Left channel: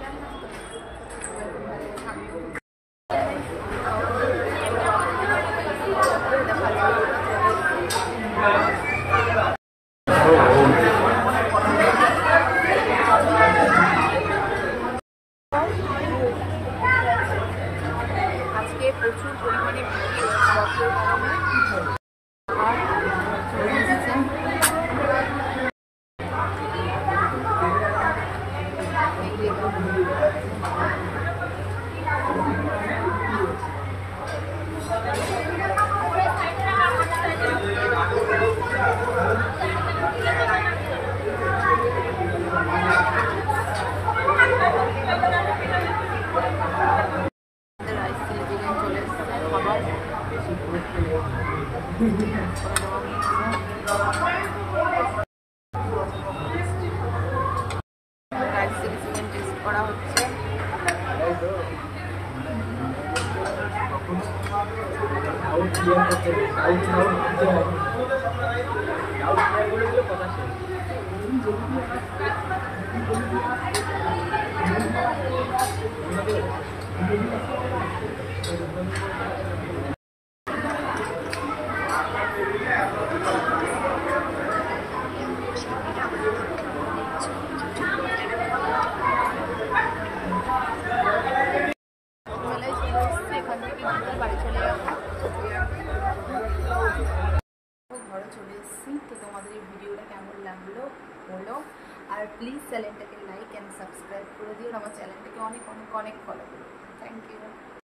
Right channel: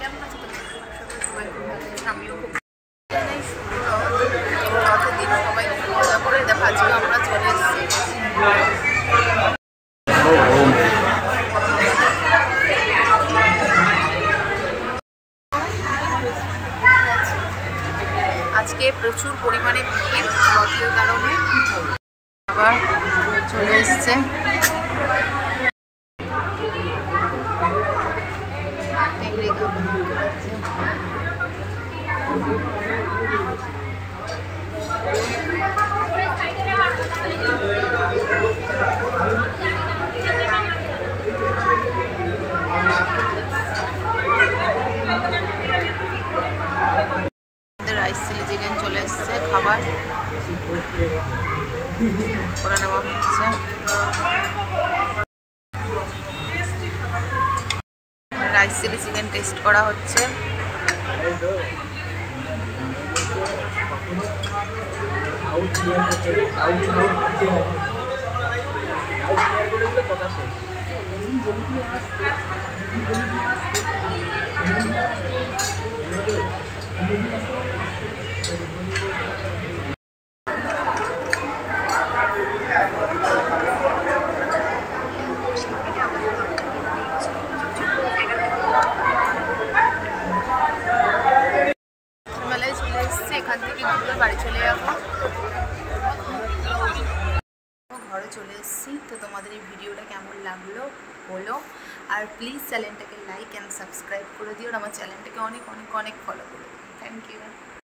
কেমন আছো তোমরা? সবাই খুব ভালো আছে, আমিও খুব জানাই শুভ রথের দিন সবাই খুব মজা করে। দেখো আজকে আমরা চলে এসেছি আজকে প্রচুর পরিমাণে ভিড় রথের কারণে। আবার চলে এসছে রাইস চিলি চিকেন চলে এসছে, খাবার করে নেওয়া হচ্ছে। রাইস চিলি চিকেন টেস্ট করা হচ্ছে। মেলায় চলে এসছে, এখান থেকে ঘুরে বাড়ি চলে যাবো। ঘরে চলে এসেছি। তো তোমাদের এই ভিডিওটা কেমন লাগলো বলো, আর প্লিজ চ্যানেলটাকে লাইক অ্যান্ড সাবস্ক্রাইব করে দিও, আর আমার চ্যানেলটাকে অনেক অনেক অনেক ফলো করে দিও। Thank you.